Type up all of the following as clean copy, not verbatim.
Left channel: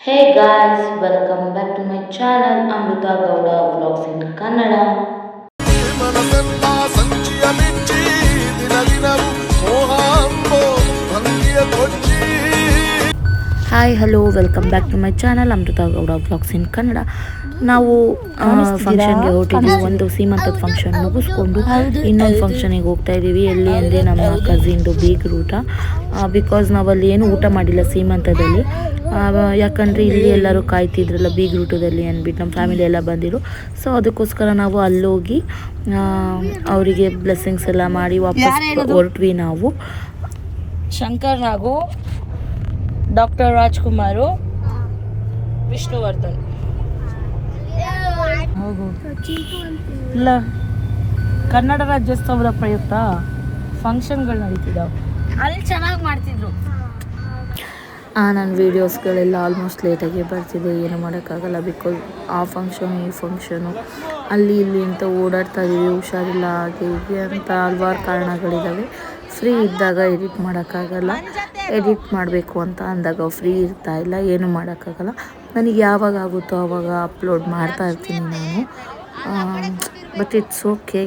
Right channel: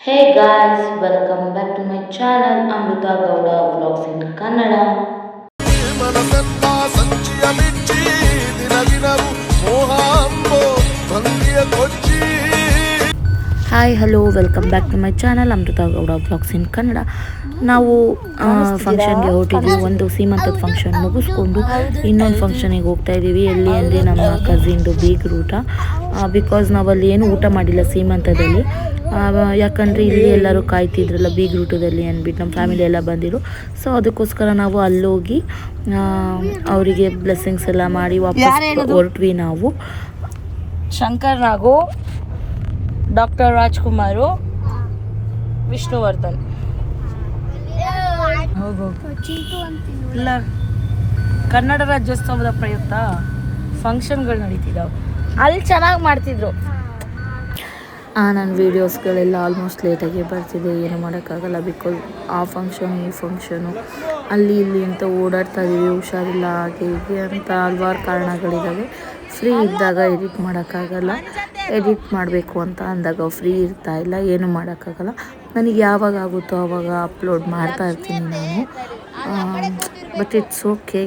Hey guys, welcome back to my channel Amrita Gowda Vlogs in Kannada. ಮನಸೆಲ್ಲ ಸಂಚಿಯ ಬಿಚ್ಚಿ ದಿನ ದಿನವೂ ಮೋಹ ಅಂಬೋ ಭಂಗಿಯ ಕೊಚ್ಚಿ. Hi hello welcome back to my channel Amrutha Gowda blogs in Kannada. ನಾವು ಫಂಕ್ಷನ್ಗೆ ಹೊರಟಿದ್ವಿ. ಒಂದು ಸೀಮಂತದ ಫಂಕ್ಷನ್ ಮುಗಿಸ್ಕೊಂಡು ಇನ್ನೊಂದು ಫಂಕ್ಷನಿಗೆ ಹೋಗ್ತಾ ಇದ್ದೀವಿ. ಎಲ್ಲಿ ಅಂದರೆ ನಮ್ಮ ಕಸಿನ್ದು ಬೀಗ್ರೂಟ. ಬಿಕಾಸ್ ನಾವಲ್ಲಿ ಏನು ಊಟ ಮಾಡಿಲ್ಲ ಸೀಮಂತದಲ್ಲಿ. ಯಾಕಂದರೆ ಇಲ್ಲಿ ಎಲ್ಲರೂ ಕಾಯ್ತಿದ್ರಲ್ಲ ಬೀಗ್ರೂಟದಲ್ಲಿ ಅಂದ್ಬಿಟ್ಟು ನಮ್ಮ ಫ್ಯಾಮಿಲಿ ಎಲ್ಲ ಬಂದಿರು. ಸೊ ಅದಕ್ಕೋಸ್ಕರ ನಾವು ಅಲ್ಲೋಗಿ ಅವರಿಗೆ ಬ್ಲೆಸ್ಸಿಂಗ್ಸ್ ಎಲ್ಲ ಮಾಡಿ ವಾಪಸ್ ಹೊರಟ್ವಿ ನಾವು. ಶಂಕರ್ ನಾಗು, ಡಾಕ್ಟರ್ ರಾಜ್ಕುಮಾರು, ವಿಷ್ಣುವರ್ಧನ್. ಹೋಗು ಇಲ್ಲ, ಕನ್ನಡ ರಾಜ್ಯೋತ್ಸವದ ಪ್ರಯುಕ್ತ ಫಂಕ್ಷನ್ಗಳು ನಡೀತಿದ್ದಾವೆ. ಅಲ್ಲಿ ಚೆನ್ನಾಗಿ ಮಾಡ್ತಿದ್ರು. ನನ್ನ ವೀಡಿಯೋಸ್ಗಳೆಲ್ಲ ಆಲ್ಮೋಸ್ಟ್ ಲೇಟಾಗಿ ಬರ್ತಿದೆ. ಏನು ಮಾಡೋಕ್ಕಾಗಲ್ಲ. ಬಿಕಾಸ್ ಆ ಫಂಕ್ಷನು ಈ ಫಂಕ್ಷನು ಅಲ್ಲಿ ಇಲ್ಲಿ ಅಂತ ಓಡಾಡ್ತಾ ಇದ್ದೀವಿ. ಹುಷಾರಿಲ್ಲ, ಹಾಗೆ ಹೀಗೆ ಅಂತ ಹಲ್ವಾರು ಕಾರಣಗಳಿದ್ದಾವೆ. ಫ್ರೀ ಇದ್ದಾಗ ಎಡಿಟ್ ಮಾಡೋಕ್ಕಾಗಲ್ಲ. ಎಡಿಟ್ ಮಾಡಬೇಕು ಅಂತ ಅಂದಾಗ ಫ್ರೀ ಇರ್ತಾ ಇಲ್ಲ, ಏನು ಮಾಡೋಕ್ಕಾಗಲ್ಲ. ನನಗೆ ಯಾವಾಗ ಆಗುತ್ತೋ ಆವಾಗ ಅಪ್ಲೋಡ್ ಮಾಡ್ತಾ ಇರ್ತೀನಿ ನಾನು. But it's okay.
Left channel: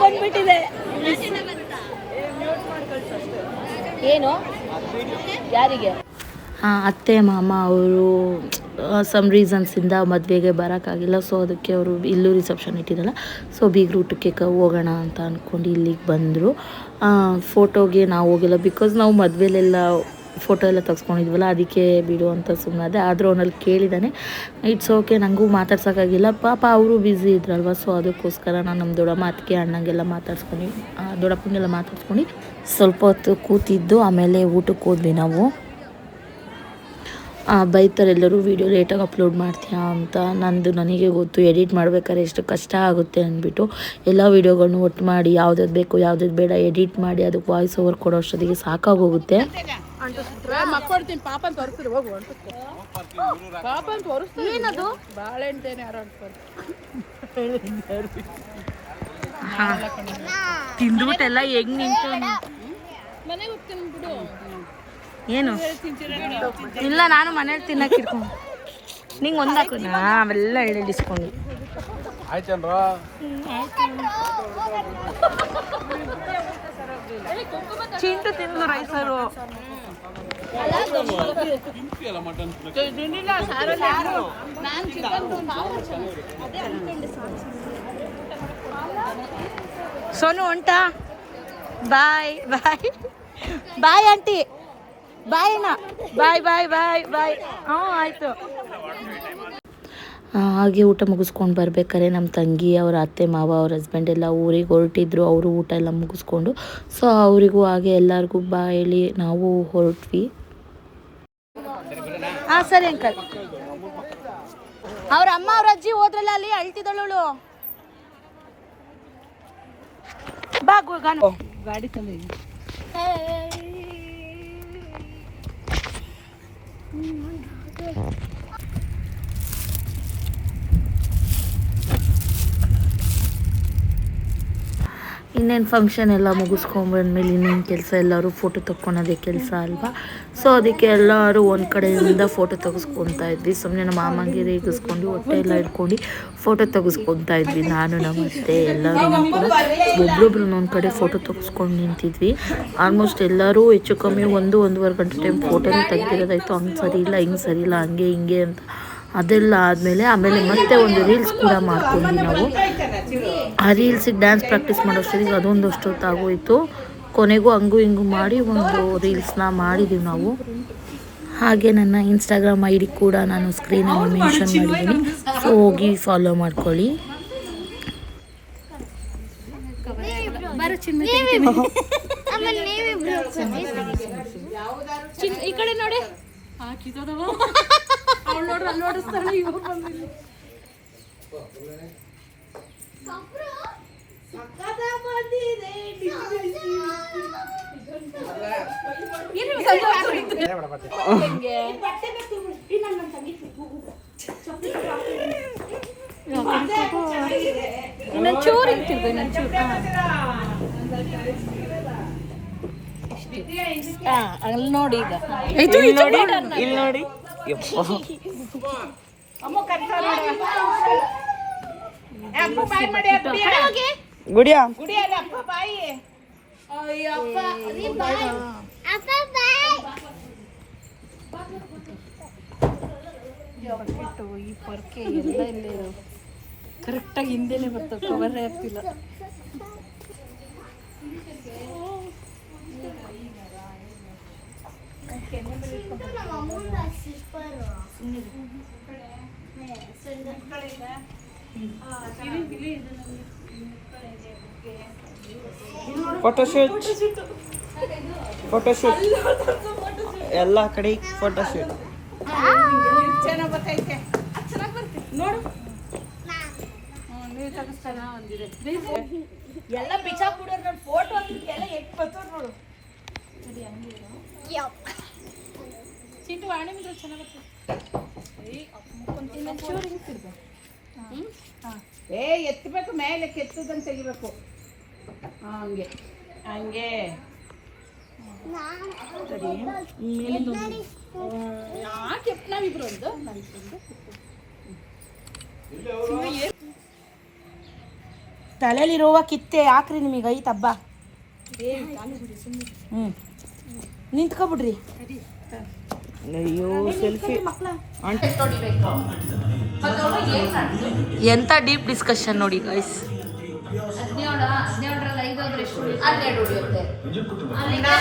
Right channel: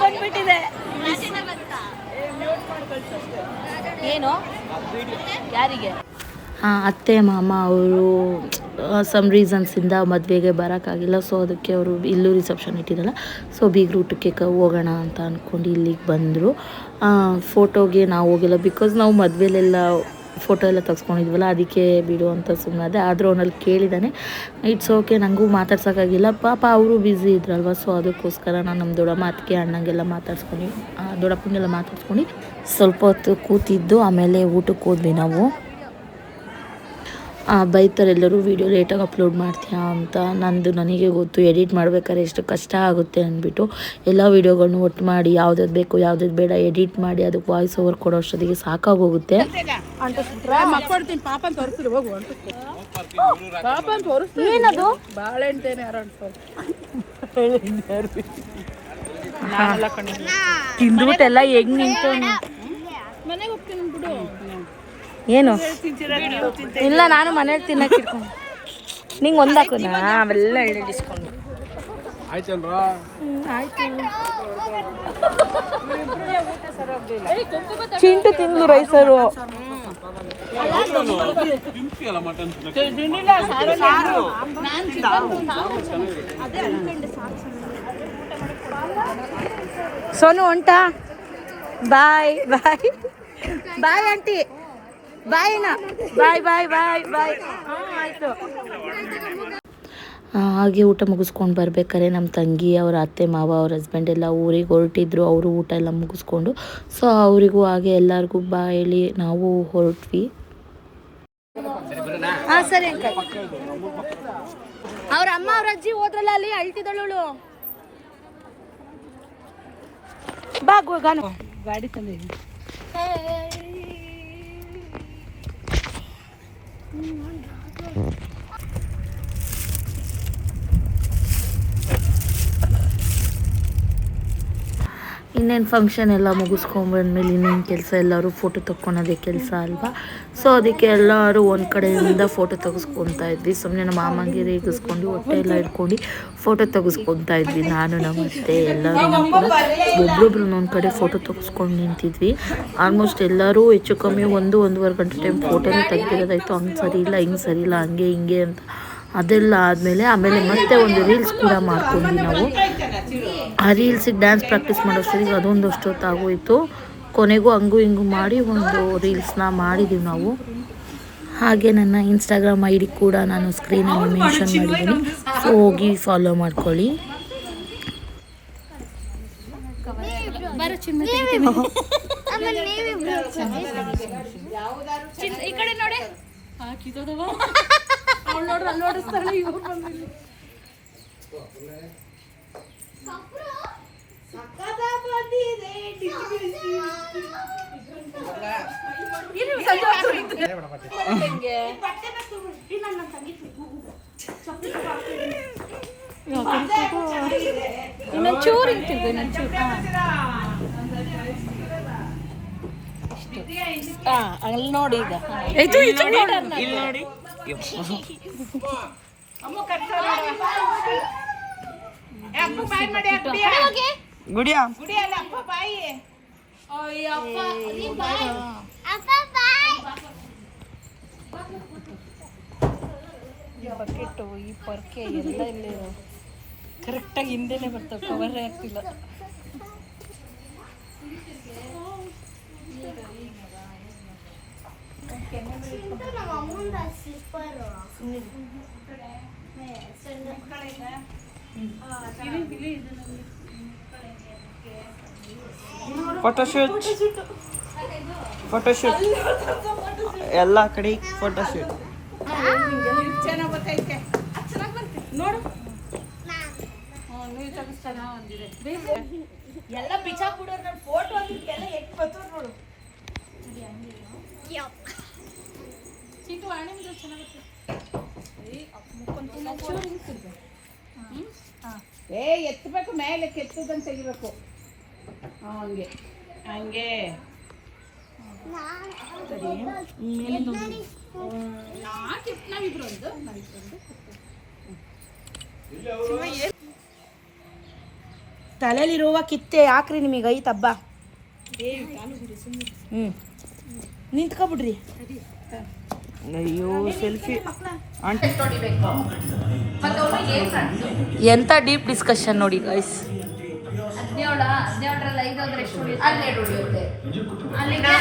ಬಂದ್ಬಿಟ್ಟಿದೆ. ಏನು ಯಾರಿಗೆ? ಅತ್ತೆ ಮಾಮ ಅವರು ಸಮ್ ರೀಸನ್ಸಿಂದ ಮದುವೆಗೆ ಬರೋಕ್ಕಾಗಿಲ್ಲ. ಸೊ ಅದಕ್ಕೆ ಅವರು ಇಲ್ಲೂ ರಿಸೆಪ್ಷನ್ ಇಟ್ಟಿರಲ್ಲ. ಸೊ ಬೀಗ್ರೂಟಕ್ಕೆ ಹೋಗೋಣ ಅಂತ ಅಂದ್ಕೊಂಡು ಇಲ್ಲಿಗೆ ಬಂದರು. ಫೋಟೋಗೆ ನಾವು ಹೋಗಿಲ್ಲ. ಬಿಕಾಸ್ ನಾವು ಮದುವೆಲೆಲ್ಲ ಫೋಟೋ ಎಲ್ಲ ತೆಗೆಸ್ಕೊಂಡಿದ್ವಲ್ಲ, ಅದಕ್ಕೆ ಬಿಡು ಅಂತ ಸುಮ್ಮನಾದೆ. ಆದರೂ ಅವನಲ್ಲಿ ಕೇಳಿದ್ದಾನೆ. ಇಟ್ಸ್ ಓಕೆ, ನನಗೂ ಮಾತಾಡ್ಸೋಕ್ಕಾಗಿಲ್ಲ. ಪಾಪ ಅವರು ಬ್ಯುಸಿ ಇದ್ರಲ್ವ. ಸೊ ಅದಕ್ಕೋಸ್ಕರ ನಾನು ನಮ್ಮ ದೊಡ್ಡಮ್ಮ ಅತ್ತಿಗೆ ಅಣ್ಣಂಗೆಲ್ಲ ಮಾತಾಡ್ಸ್ಕೊಂಡು, ದೊಡ್ಡಪ್ಪನಿಗೆಲ್ಲ ಮಾತಾಡ್ಸ್ಕೊಂಡು ಸ್ವಲ್ಪ ಹೊತ್ತು ಕೂತಿದ್ದು. ಆಮೇಲೆ ಊಟಕ್ಕೆ ಹೋದ್ವಿ ನಾವು. ಬೈತಾರೆ ಎಲ್ಲರೂ ವೀಡಿಯೋ ಲೇಟಾಗಿ ಅಪ್ಲೋಡ್ ಮಾಡ್ತೀಯಾ ಅಂತ. ನನಗೆ ಗೊತ್ತು ಎಡಿಟ್ ಮಾಡ್ಬೇಕಾದ್ರೆ ಎಷ್ಟು ಕಷ್ಟ ಆಗುತ್ತೆ ಅಂದ್ಬಿಟ್ಟು. ಎಲ್ಲ ವೀಡಿಯೋಗಳನ್ನೂ ಒಟ್ಟು ಮಾಡಿ ಯಾವ್ದು ಬೇಕು ಯಾವ್ದು ಬೇಡ ಎಡಿಟ್ ಮಾಡಿ ಅದಕ್ಕೆ ವಾಯ್ಸ್ ಓವರ್ ಕೊಡೋ ಅಷ್ಟೊತ್ತಿಗೆ ಸಾಕಾಗೋಗುತ್ತೆ. ತಿಂದ್ಬಿಟ್ಟೆಲ್ಲ ಹೆಂಗ್ ನಿಂತು. ಏನು ಇಲ್ಲ, ನಾನು ಮನೇಲಿ ತಿನ್ನಕ್ಕೆ ಇಟ್ಕೊಂಡು ನಿಂಗೆ ಒಂದಾಕುನಾ ಅವೆಲ್ಲ ಎಳ್ಳಿಸ್ಕೊಂಡು. ಚಿಂಟು ತಿಂದು ರೈಸರು. ಸೋನು ಹೊಂಟಾ? ಬಾಯ್ ಬಾಯ್ ಬಾಯ್ ಆಂಟಿ, ಬಾಯ್ ಅಣ್ಣ, ಬಾಯ್ ಬಾಯ್ ಬಾಯ್ ಬಾಯ್. ಆಯಿತು. ಹಾಗೆ ಊಟ ಮುಗಿಸ್ಕೊಂಡು ಬರ್ಬೇಕಾದ್ರೆ ನಮ್ಮ ತಂಗಿ ಅವ್ರ ಅತ್ತೆ ಮಾವ ಅವ್ರ ಹಸ್ಬೆಂಡ್ ಎಲ್ಲ ಊರಿಗೆ ಹೊರಟಿದ್ರು. ಅವರು ಊಟ ಎಲ್ಲ ಮುಗಿಸ್ಕೊಂಡು, ಸೊ ಅವರಿಗೂ ಹಾಗೆ ಎಲ್ಲರಿಗೂ ಬಾಯಲ್ಲಿ ನಾವು ಹೊರಟ್ವಿ. ಸರಿ ಅಂಕಲ್. ಅವ್ರ ಅಮ್ಮ ಅವ್ರ ಅಜ್ಜಿ ಹೋದ್ರಲ್ಲ, ಅಲ್ಲಿ ಅಳ್ತಿದ್ದಳು. ಬಾ ಗಾಡಿ ತಂದಿದ್ದೀನಿ. ಇನ್ನೇನು ಫಂಕ್ಷನ್ ಎಲ್ಲ ಮುಗಿಸ್ಕೊಂಡ್ಬಂದ್ಮೇಲೆ ಇನ್ನೇನು ಕೆಲಸ, ಎಲ್ಲರೂ ಫೋಟೋ ತೊಗೊಳೋದೇ ಕೆಲಸ ಅಲ್ವಾ. ಸೊ ಅದಕ್ಕೆ ಎಲ್ಲರೂ ಒಂದು ಕಡೆಯಿಂದ ಫೋಟೋ ತೆಗೆಸ್ಕೊತಾ ಇದ್ವಿ. ಸುಮ್ಮನೆ ನಮ್ಮ ಮಾಮಂಗೆ ರೇಗಿಸ್ಕೊಂಡು ಹೊಟ್ಟೆ ಎಲ್ಲ ಇಟ್ಕೊಂಡು ಫೋಟೋ ತೆಗೆಸ್ಕೊತಾ ಇದ್ವಿ. ನಾನು ನಮ್ಮ ಅತ್ತೆ ಎಲ್ಲರೂ ಕೂಡ ಒಬ್ರೊಬ್ರು ಒಂದು ಕಡೆ ಫೋಟೋ ತೆಗೆಸ್ಕೊಂಡು ನಿಂತಿದ್ವಿ. ಆಲ್ಮೋಸ್ಟ್ ಎಲ್ಲರೂ ಹೆಚ್ಚು ಕಮ್ಮಿ 1-1.5 ಗಂಟೆ ಟೈಮ್ ಫೋಟೋನೇ ತೆಗ್ದಿರೋದಾಯಿತು. ಹಂಗೆ ಸರಿ ಇಲ್ಲ, ಹಿಂಗೆ ಸರಿ ಇಲ್ಲ, ಹಂಗೆ ಹಿಂಗೆ ಅಂತ. ಅದೆಲ್ಲ ಆಮೇಲೆ ಮತ್ತೆ ಒಂದು ರೀಲ್ಸ್ ಕೂಡ ಮಾಡ್ಕೊಂಡ್ವಿ ನಾವು. ಆ ರೀಲ್ಸಿಗೆ ಡ್ಯಾನ್ಸ್ ಪ್ರಾಕ್ಟೀಸ್ ಮಾಡೋಷ್ಟೊತ್ತಿಗೆ ಅದೊಂದು ಅಷ್ಟೊತ್ತಾಗೋಯಿತು. ಕೊನೆಗೂ ಹಂಗೂ ಹಿಂಗೂ ಮಾಡಿ ಒಂದು ರೀಲ್ಸ್ನ ಮಾಡಿದ್ದೀವಿ ನಾವು. ಹಾಗೆ ನನ್ನ ಇನ್ಸ್ಟಾಗ್ರಾಮ್ ID ಕೂಡ ನಾನು ಸ್ಕ್ರೀನಲ್ಲಿ ಮೆನ್ಷನ್ ಮಾಡಿದ್ದೀನಿ. ಸೊ ಹೋಗಿ ಫಾಲೋ ಮಾಡ್ಕೊಳ್ಳಿ. ಈ ಕಡೆ ನೋಡಿ, ಅವಳು ನೋಡ್ರಿ ಅಲ್ಲಿ ನೋಡಿಸ್ತಾಳೆ. ಇವ್ರು ಬಂದಿಲ್ಲ. ಚೂರು ಇರ್ತಿರ್ಬೇಕು ಅಲ್ಲಿ ನೋಡಿ ಇಲ್ಲಿ ನೋಡಿ ಯಪ್ಪ ಗುಡಿಯಾ ಕರೆಕ್ಟಾಗಿ ಹಿಂದೆನೆ ಬರ್ತವೆ ಕವರ್ ಆಗ್ತಿಲ್ಲ ಫೋಟೋಶೂಟ್ ಎಲ್ಲ ಕಡೆ ಫೋಟೋಶೂಟ್ ಚೆನ್ನಾಗಿ ಬರ್ತೈತೆ ನೋಡು ನೀವು ತಗಸ್ತಾನ ಒಂದಿದೆ ಎಲ್ಲ ಬಿಚಾಕ್ಬಿಡೋರು ನನ್ನ ಫೋಟೋ ಎಲ್ಲ ಎಟ್ ಬರ್ತವ್ರು ನೋಡು ಚೀಟು ಆಣಿಮಿದ್ರೆ ಚೆನ್ನಾಗುತ್ತೆ ಎತ್ತಬೇಕು ಮೇಲೆ ಕೆತ್ತದಂತ ತೆಗಿಬೇಕು ಹಂಗೆ ಹಂಗೆ ನಾವಿಬ್ರು ಒಂದು ತಲೆಯಲ್ಲಿರುವ ಕಿತ್ತೆ ಯಾಕ್ರಿ ನಿಮಗೆ ಐತಬ್ಬ ನಿಂತ್ಕೊಬಿಡ್ರಿ ಅಯ್ಯೋ ಸೆಲ್ಫಿ ಎಂಥ ಡೀಪ್ ಡಿಸ್ಕಷನ್ ನೋಡಿ ಗೈಸ್. 17ರಲ್ಲಿ 5 ಹೋದ್ರೆ ಎಷ್ಟು ಉಳಿಯುತ್ತೆ? ಅಲ್ಲಿಗೆ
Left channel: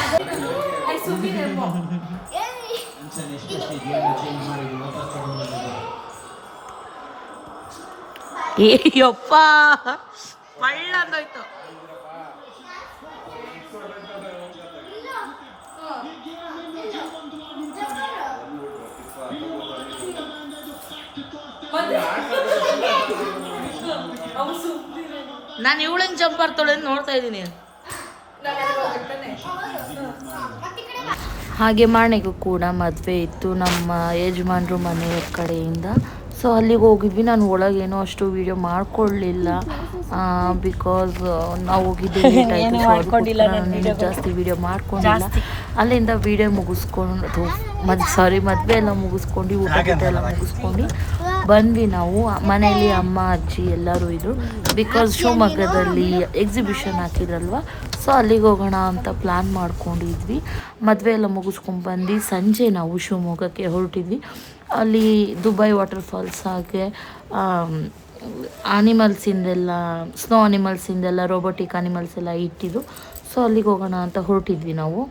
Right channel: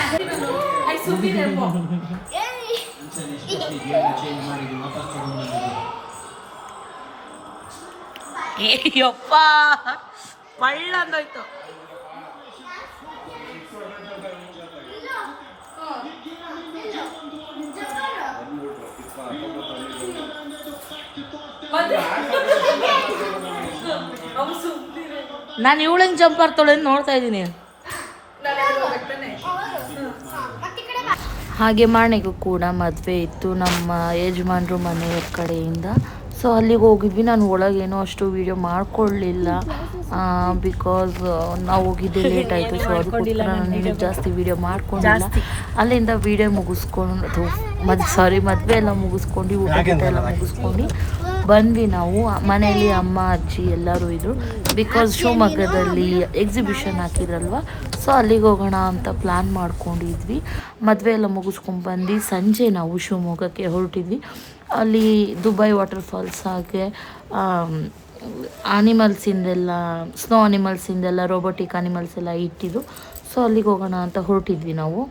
ಅಯ್ಯಪ್ಪ ಪಳ್ಳ ಅಂದೋಯ್ತು. ನಾನು ಇವಳಂಗೆ ಜಂಪ್ ಮಾಡ್ತಾಳೆ ನೋಡ್ತಾ ಇದ್ದೀನಿ. ಹಾಗೆ ಮಾಣೆಗೂ ಕೂಡ ಮದುವೆ ಇತ್ತು ನಮ್ಮ ಯಜಮಾನ್ರು ಮನೆಯ ಕಡೆಯಿಂದ. ಸೊ ಅಲ್ಲಿಗೆ ಹೋಗಿದ್ವಿ. ನಾನು ಒಳಗೇನೋ ಅಷ್ಟು ವೀಡಿಯೋ ಮಾಡ್ಕೊಳ್ಳಿಲ್ಲ ಬಿಕಾಸ್ ನಾವು ಹೋಗಿದ್ದೆ ಲೇಟ್ ಆಯಿತು. ಸೊ ಅದಕ್ಕೋಸ್ಕರ ನಾನು ಇನ್ನೂ ಜಾಸ್ತಿ ವೀಡಿಯೋ ಮಾಡ್ಕೊಂಡಿಲ್ಲ. ಅಲ್ಲಿಂದ ವೀಡಿಯೋ ಮುಗಿಸ್ಕೊಂಡು ಮದುವೆ ಎಲ್ಲ ಮುಗಿಸ್ಕೊಂಡು ಊಟ ಗೀಟ ಎಲ್ಲ ಮುಗಿಸ್ಕೊಂಡು ಬಂದ್ವಿ. ನಾವು ಮನೆಯಲ್ಲಿ ಅಮ್ಮ ಅಜ್ಜಿ ಎಲ್ಲರೂ ಇದ್ದರು ಬಿಕಾಸ್ ಶಿವಮೊಗ್ಗದಲ್ಲಿ ಎಕ್ಸಿಬಿಷನ್ ಹಾಕಿದ್ರಲ್ವ. ಸೊ ಅಲ್ಲಿಗೆ ಹೋಗೋಣ ಅಂತ ಪ್ಲ್ಯಾನ್ ಮಾಡ್ಕೊಂಡಿದ್ವಿ. ಮದುವೆ ಎಲ್ಲ ಮುಗಿಸ್ಕೊಂಡು ಬಂದು ಸಂಜೆ ನಾವು ಶಿವಮೊಗ್ಗಕ್ಕೆ ಹೊರಟಿದ್ವಿ. ಅಲ್ಲಿ ದುಬೈ ವಾಟರ್ಫಾಲ್ಸ್ ಹಾಗೆ ಆನಿಮಲ್ಸಿಂದೆಲ್ಲ ಸ್ನೋ ಆನಿಮಲ್ಸಿಂದೆಲ್ಲ ರೋಬೋಟಿಕ್ ಆನಿಮಲ್ಸ್ ಎಲ್ಲ ಇಟ್ಟಿದ್ದು. ಸೊ ಅಲ್ಲಿಗೆ ಹೋಗೋಣ ಅಂತ ಹೊರಟಿದ್ವಿ ನಾವು.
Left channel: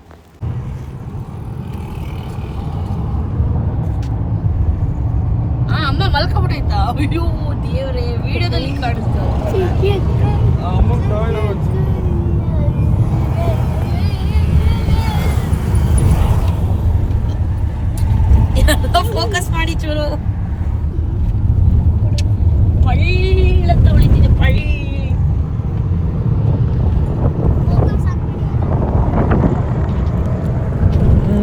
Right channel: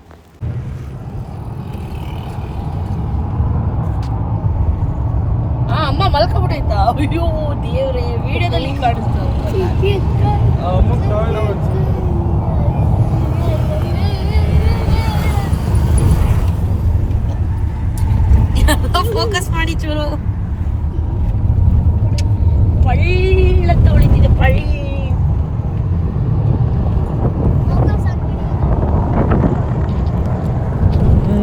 ಅಮ್ಮ ಮಲ್ಕೊಬಿಟ್ಟೈತಾ? ಅಯ್ಯೋ ದೇವ್ರೆ, ವಿಡಿಯೋದಲ್ಲಿ ಕಾಣಿಸ್ತಾ ಫೋಕಸ್ ಮಾಡಿ ಚೂರು. ಪಳ್ಳ ತೊಳಿತಿದೆ ಪಳ್ಳ.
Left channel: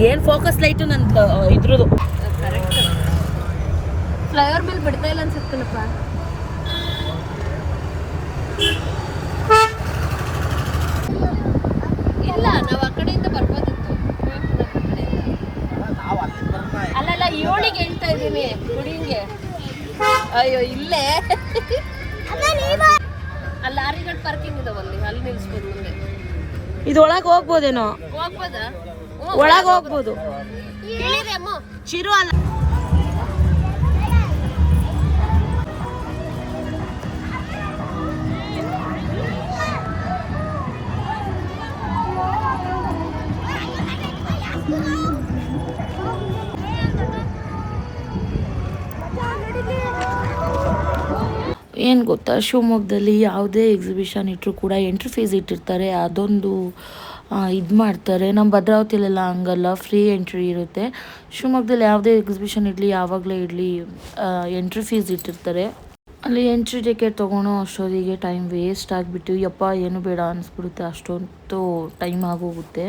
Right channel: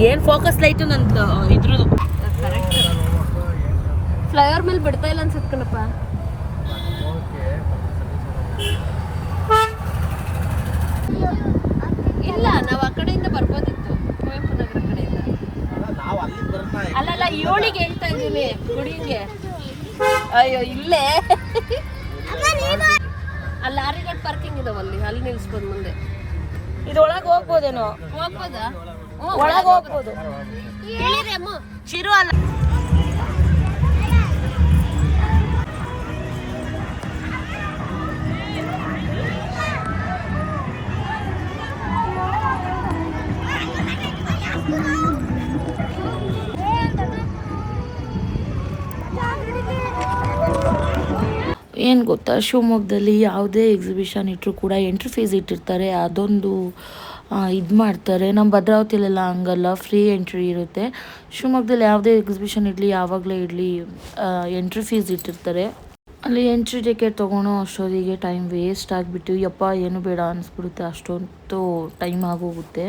ಏನ್ ಫೋಕಸ್ ಲೈಟು ನಂದು ಇದ್ರದ್ದು ಫ್ಲೈಓವರ್ ಮೇಲೆ ಬಿಡ್ತಾ ಇಲ್ಲ ಅನ್ಸುತ್ತಲ್ಲಪ್ಪ. ಇಲ್ಲ ನಾವು ಆ ಕಡೆಯಿಂದ ಬರ್ಬೋದಿತ್ತು. ಅಲ್ಲಲ್ಲ ಇವಳಿಗೆ ಹೇಳ್ತಾ ಇದ್ದೀನಿ ಹುಡುಗಿಗೆ. ಅಯ್ಯೋ ಇಲ್ಲೇ ಅಲ್ಲಿ ಆರ್ರಿಗಡ್ ಪಾರ್ಕಿಂಗ್ ಇದೆ, ಅಲ್ಲಿ ನಿಲ್ಸ್ಬೋದು ಮುಂದೆ. ಇದು ಒಳಗೆ ಹೋಗ್ಬೋದೇನೋ? ಹೋಗ್ಬೋದಾ? ಒಳಗೆ ಹೋಗ್ಬೋದು. ಚಿರು ಅಲ್ಲ. ಏನು ಗೊತ್ತಾ, ಶಿವಮೊಗ್ಗದಲ್ಲಿ ಯಾವುದೇ ಎಕ್ಸಿಬಿಷನ್ ಇಟ್ಟರು ಕೂಡ ಎಂಟ್ರಿ ಫೀಸ್ ಇಟ್ಟಿರ್ತಾರೆ. ಅದೊಂದು ಇದು ಮಾಡ್ತಾರೆ. ನಮ್ಮ ಭದ್ರಾವತಿಲೆಲ್ಲ ಹಂಗಲ್ಲ, ಫ್ರೀ ಎಂಟ್ರಿ ಇರುತ್ತೆ. ಶಿವಮೊಗ್ಗದಲ್ಲಿ ಯಾವುದೇ ಎಕ್ಸಿಬಿಷನ್ ಇರಲಿ ಯಾವಾಗಲೇ ಇರಲಿ ಎಂಟ್ರಿ ಫೀಸ್ ಇಟ್ಟಿರ್ತಾರೆ. ಅಲ್ಲಿ ಎಂಟ್ರಿ ಟಿಕೆಟ್ ತೊಗೊಳೋ ಅಷ್ಟೊತ್ತಿಗೆ ಟೈಮ್ ವೇಸ್ಟ್ ಆಗಿಬಿಟ್ಟು ಯಪ್ಪ ಏನು ಬೇಡ ಅನಿಸ್ಬಿಡುತ್ತೆ. ಅಷ್ಟೊಂದು ಟೈಮ್ ಆಗೋಗುತ್ತೆ.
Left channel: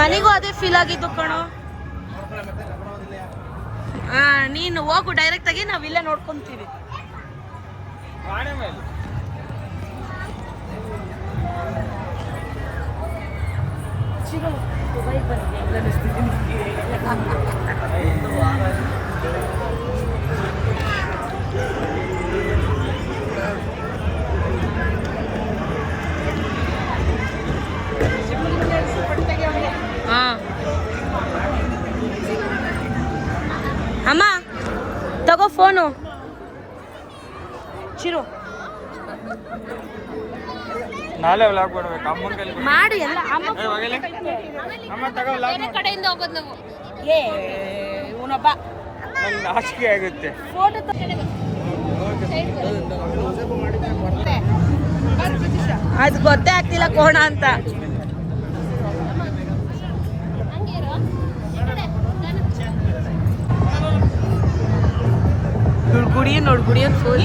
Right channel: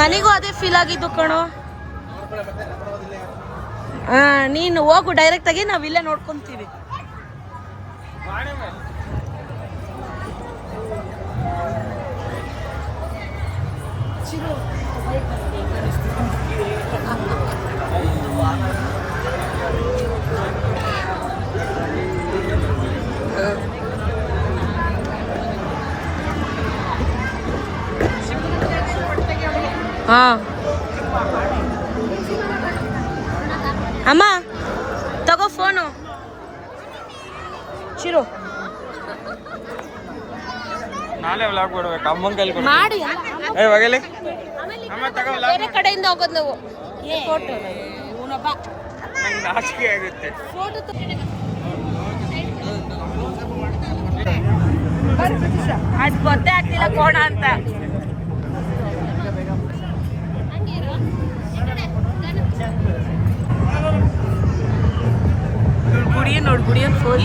ಮನೆಗೂ ಅದೇ ಫೀಲ್ ಆಗಿದ್ದು ಕಣೋ. ನೀನು ಹೋಗು ಡೈರೆಕ್ಟ್ ಆಗಿ, ನಾವ್ ಇಲ್ಲೇ ನೋಡ್ಕೊಂತೀವಿ. ಅಮ್ಮ ತಗೋ ಫೋನು ಚಿರು. ನಾಳೆ ವ್ಲಾಗ್ ಕೊಡ್ಬೇಕು ಅಮ್ಮನ ಕೈಲಿ ಕೊಡು. ಮಾಡಿ ಎಲ್ಲ ಏ ಹೋಗಲಿ ಅಮ್ಮ ತಗೋ ವ್ಲಾಗ್ ಮಾಡು. ಕಡೆಯಿಂದ ಹೋಗೋದು ನಾವು. ನಂಗೆ ನಾಚಿಕೆ ಆಗುತ್ತೆ. ಅದು ಗೊತ್ತೇ ಆಗ್ತಿಲ್ಲ ಕೋಣ ಅಂತ. ನೋಡು ಗುಡಿಯನ್ ಫೋನ್.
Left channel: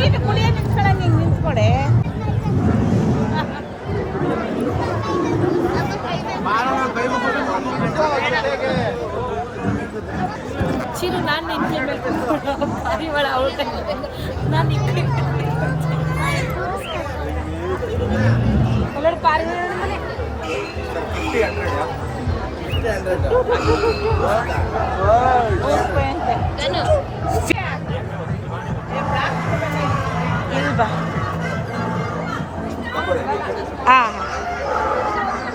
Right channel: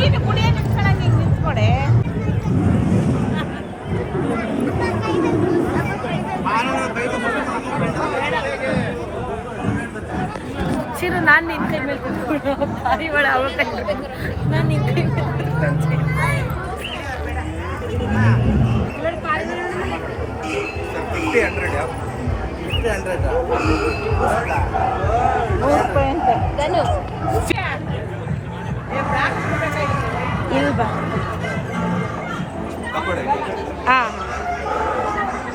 ಚಿರು ನಾನು ನಿನ್ ಕೈ ಮೇಲೆ ಕುತ್ಕೊಂಡು ಪಾರಿವಾಳ ಅವಳ ಕೈ ನಾನು ನಿನ್ ಕೈ ಇಲ್ಬಾ.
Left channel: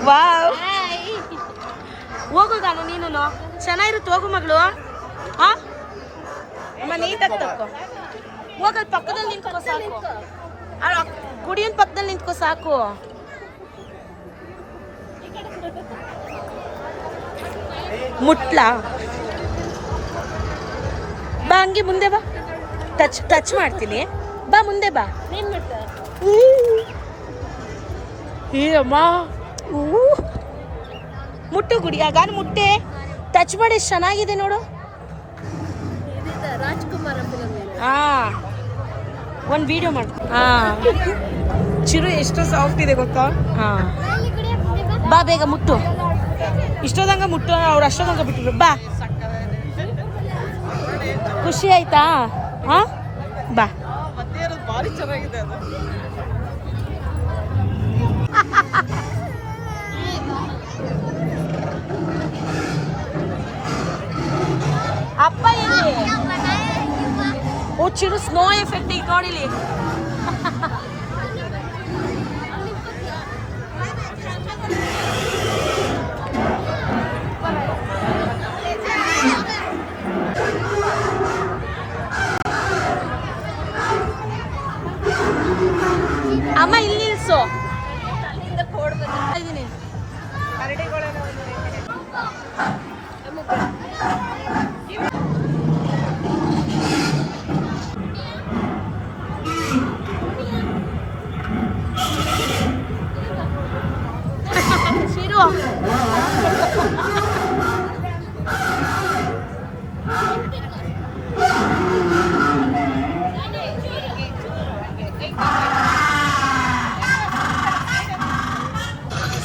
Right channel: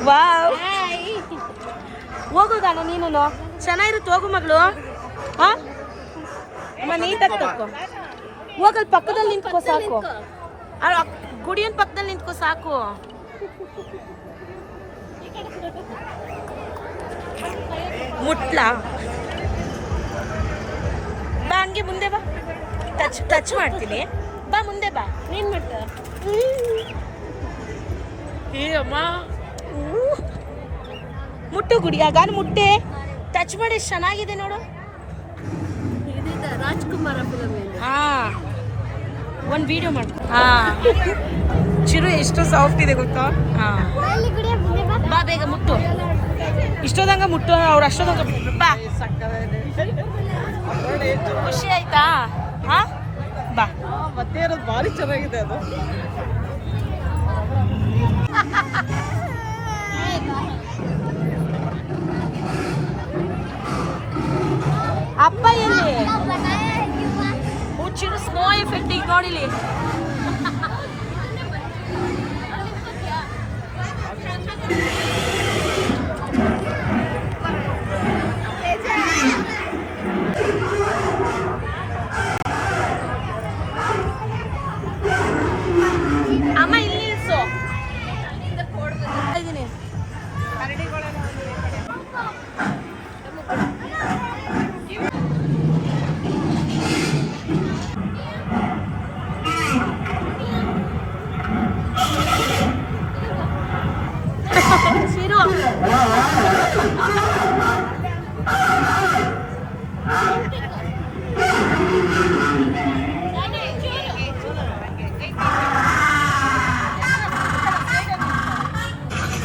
ವಾವ್, ಹೋಗು ನಾನು ನೀನು ಚೆನ್ನಾಗಿರುತ್ತೆ. ಹೋಗು ಮಗಳು. ಅಮ್ಮ ನೀಟಾಗಿ ತಕ್ಕೋ. ಹೋಗಲ್ ಪಕ್ಕದಲ್ಲಿ ನಿಂತ್ಕೋ ಸಾಕು. ಗುಡಿಯನ್ ಪಕ್ಕದಲ್ಲಿ ನಿಂತ್ಕೋ ಸಾಕು. ಮುಟ್ಲಾ ಬಾ, ಹಂಗೆ ಮುಂದೆ ಬಾ. ಟಚ್ ಮಾಡ್ತೀನಿ. ಬಾ ಮುಂದೆ ಬಾ. ಅಮ್ಮ ಮುಟ್ಟು ಗುಡಿ ಆಗ ಮುಟ್ಟೆ ಟಚ್ ಮಾಡಿ ಎಷ್ಟು ಚೆನ್ನಾಗಿದೆ ನೋಡು. ಒಂದು ವಿಡಿಯೋ ಮಾಡ್ಕೊ. ಚಿರು ಎಷ್ಟು ಸಾಫ್ಟ್ ಇದೆ ಗೊತ್ತಾ. ಬಾ ಬೇಗ ಮುಟ್ಟು. ಇಷ್ಟೋದಂಗ ಮುಟ್ಟು, ಅವ್ರು ಅಷ್ಟೋದಂಗ ಬಿಟ್ಟಿದ್ರು. ಬಾ, ಖುಷಿ ಆಯ್ತಾ. ಬಾ. ಭಾರಿ ಚೆನ್ನಾಗಿದೆ ಅದು. ಅಪ್ಪ ಎಲ್ಲಿ? ಓ ಚಿರು, ಸ್ನೋ ಎಫೆಕ್ಟ್ ಈಗ ನೋಡಿಲಿ. ಅಮ್ಮ ಇಲ್ಲಿ ನಿಲ್ಸು. ಇದೀನಿ ಶಿರು.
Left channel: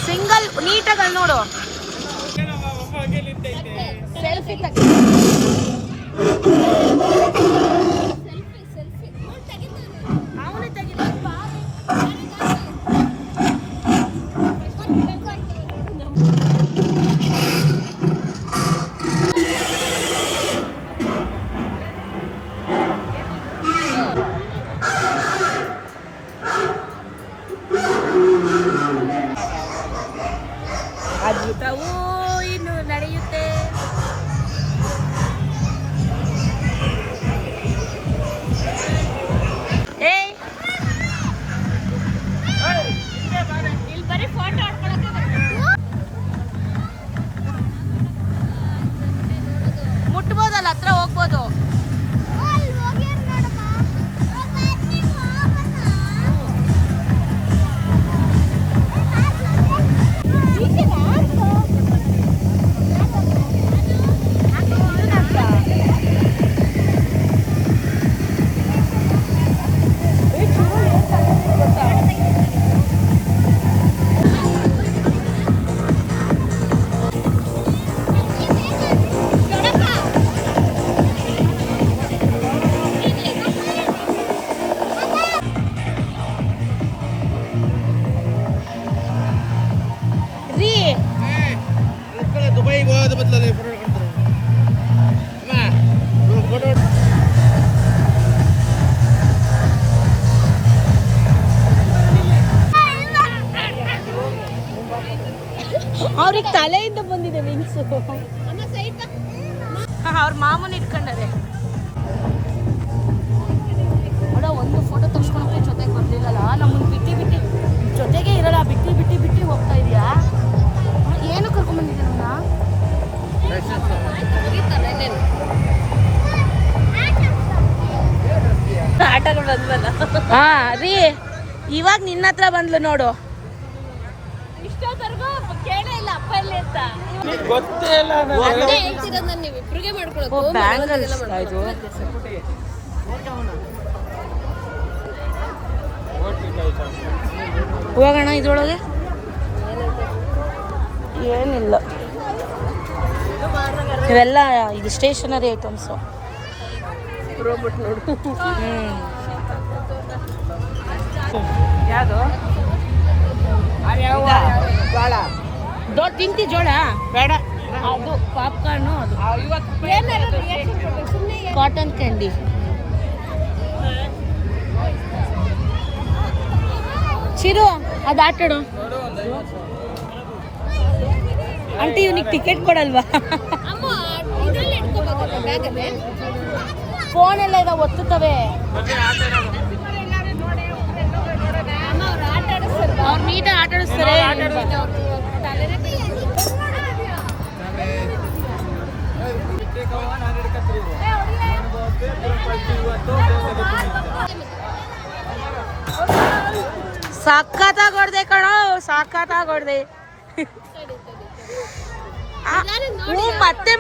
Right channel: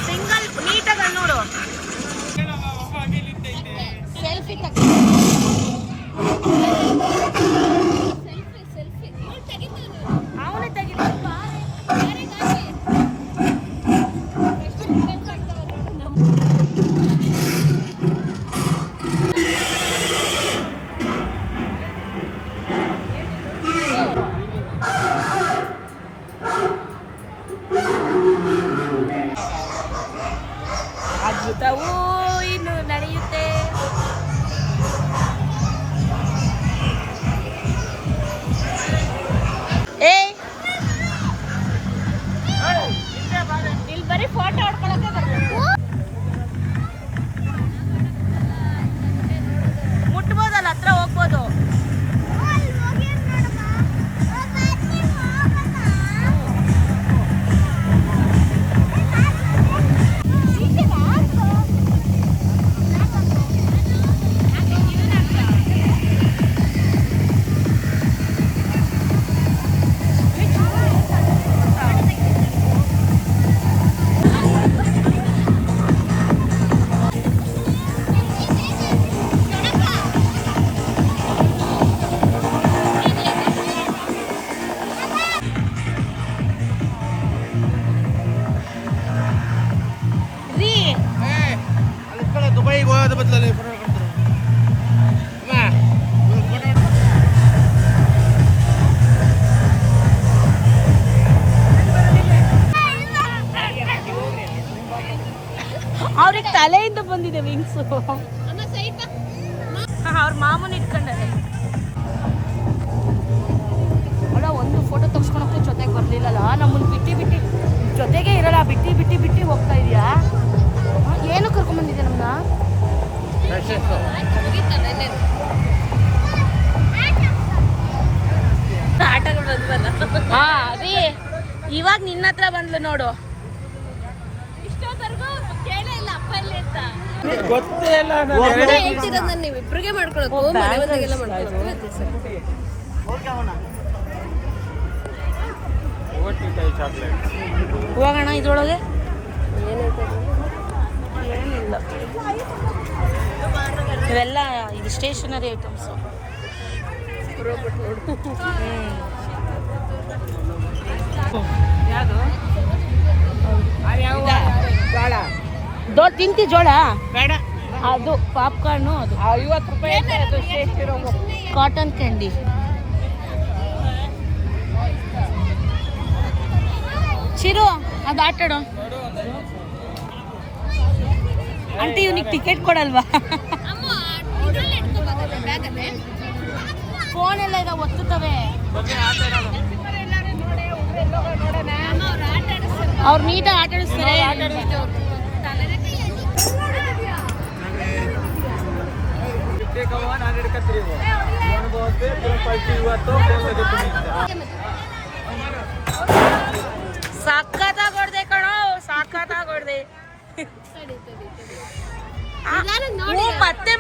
ಸಿಂಗಲ್ ನೀಟಾಗಿ ನೋಡು. ಸೆಲ್ಫಿ ತಗ. ಅವನೇ ತೆಗಿದ. ಅದ್ಭುತವೂ ಇನ್ನು ನಡೆಯುತ್ತೆ. ಅವ್ರಿಗೆ ತಲೆಯಿಂದ ಬಂದಿದೆ ವಿಂಗ್ಸು. ಅವ್ರ ಮಾಮೂಲಿ ಇಟ್ಕೊಂಡಾರೆ. ಅಲ್ಲ ಒಂದು ಫೋಟೋ ತೆಗ್ಸ್ಕೊಳಕ್ಕೂ ಜೊತೆಗೆ ಬರ್ಲಿಲ್ಲಲ್ಲ, ನಮ್ಮನ್ನು ಬಿಟ್ಟು ಜೊತೆಗೆ ಇರಲ್ಲ, ಬಿಟ್ಟು ಹೋಗ್ತಾ ಇದೆಯಾ? ಏನು ಕರ್ಕೊಂಡ್ಬಂದಿದೆ ನಮ್ಮನ್ನ? ಹಾ ರೀ, ಇವಾಗ ನಿನ್ನ ಹತ್ರ ಬಂದ್ಲು ನೋಡು. ಗೊತ್ತೇ ಇಲ್ಲ ಓ ಬ್ಯಾಂಗಲ್ಸ್ ಇದು. ಹೋಗೋಣ ಇದ್ರೊಳಗೆ. ಏನಿಲ್ಲ, ಇವೆಲ್ಲ ಇದು ಸ್ಟೇಷನರಿ ಐಟಮ್ಸು. ಯಾವುದು ತಿಂತಿ ಜೋಳ ಬೇಡ, ಅದು ಪಾಪ್ಕಾರ್ನು, ಅದು ಕಾಟನ್ ಕ್ಯಾಂಡಿ. ಚಿರು ಅದು ಆಟಾಡೋ ಆಂಟಿ, ಇವನಿಗೆ ಟಿಕೆಟ್ ಕೊಡಲ್ವಾ? ಫೋನ್ ಎಲ್ಲ ಇದಾವೆ, ಒತ್ತುತ್ತವೆ. ಅವ್ರು ನೀಟಾಗಿ ಆಟ ಆಡಿಸ್ತಾರೆ. ಸಖತ್ತಾಗಿ ಹೊಡ್ದೆ ಕಣೋ, ಸಖತ್ತಾಗಿ ಹೊಡ್ದೆ.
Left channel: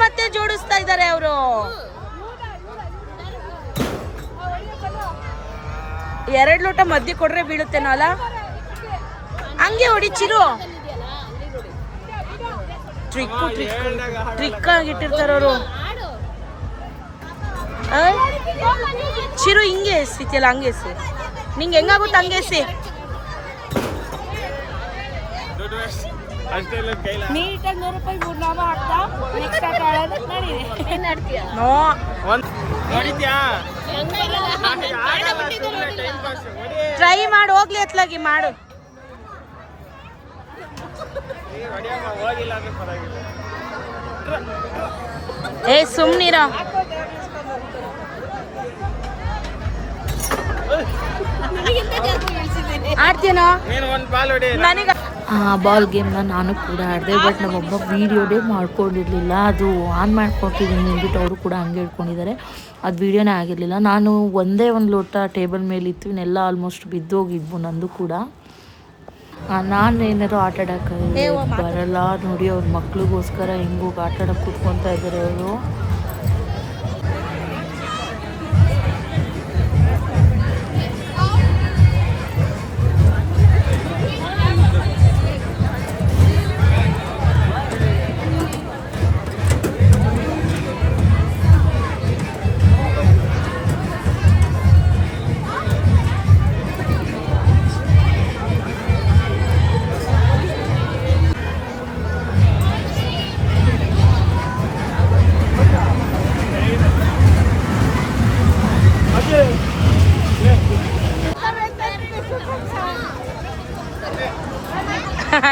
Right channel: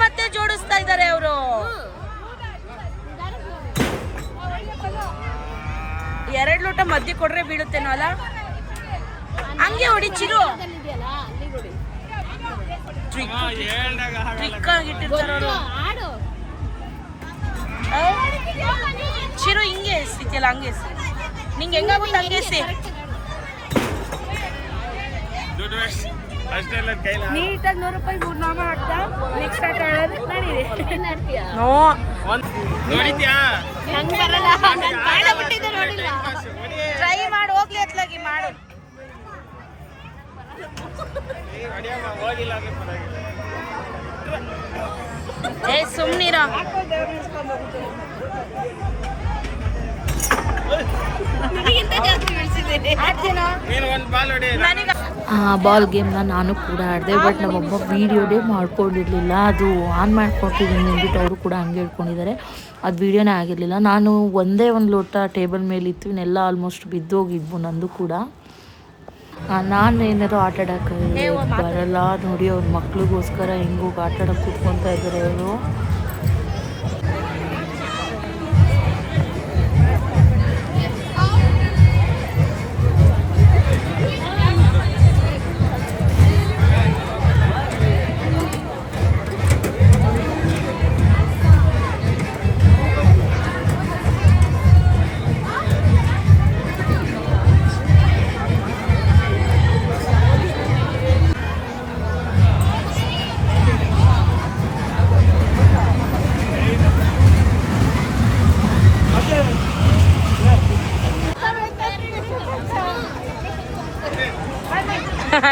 ಮತ್ತೆ ಜೋಡಿಸ್ತಾ ಇದ್ದಾರೆ ಅವರು. ಎರಡು ಲೋಟ ಮಧ್ಯೆ ಕೊಡ್ರೆ ಬೀಳುತ್ತೇನೋ ಅಲ್ಲ, ಹಂಗೆ ಹೊಡಿ ಚಿರು. ಟ್ರಿಕ್ ಆಗಿಟ್ಟಿರ್ತಾರ ಅವರು. ಚಿರು ಹಿಂಗೆ ಎಸಿತಿಲ್ಲ, ಹಂಗೆ ಎಸಿ. ನಿಂಗೆ ಹೆಂಗಾಗುತ್ತೆ ಹಂಗೆ ಎಸಿ. ನೀಟಾಗಿ 100 ರೂಪಾಯಿ 3 ನಾಮ ಹಾಕ್ತಾ ನೆಕ್ಸ್ಟ್ ಆಟ ಆಡೋದಕ್ಕೆ ನಡೀದೆ. ನೋ ಟ್ರೈ ಮಾಡಿ ಹೋಗ್ಲಿ, ಎತ್ಲಾಗಿ ಮಾಡು. ಏ ಸುಮ್ನಿರ. ಆ ಬಾಲ್ ಗೇಮ್ನ ನಾನು ಕೂಡ ಆಡಿದೆ. ಬಟ್ ನಮ್ಮಮ್ಮ ವೀಡಿಯೋನೇ ಮಾಡ್ಕೊಂಡಿರಲಿಲ್ಲ. ಅದು ಆನ್ ಮಾಡ್ಕೊಟ್ಟಿದ್ದೀನಿ ಅಂದ್ಬಿಟ್ಟು ಅವರು ಕೂಡ ಹಂಗೆ ಇಟ್ಕೊಂಡಿದ್ದಾರೆ. ಅದು ವೀಡಿಯೋನೇ ಆಗಿರಲಿಲ್ಲ. ನಾನು ಒಂದೇ ಒಂದು ಲೋಟ ಟೇಬಲ್ ಮೇಲೆ ಇತ್ತು, ಇನ್ನೆಲ್ಲ ಆಲ್ಮೋಸ್ಟ್ ಬಿದ್ದೋಗಿದ್ವು ನಂದು ಕೂಡ. ನಾನು ಏನಾರು ಆಟ ಆಡೋಕ್ಕೆ ಬರಲ್ಲ ನೋಡಿ. ಅವ್ರ ಮಕ್ಳಿಗೋಸ್ಕರ ಹೆಂಗೋಗಿ ಆಟ ಆಡೋಕ್ಕೆ ಕೂತ್ಕೊತಾ ಇದ್ದಾರೆ ಅವರು.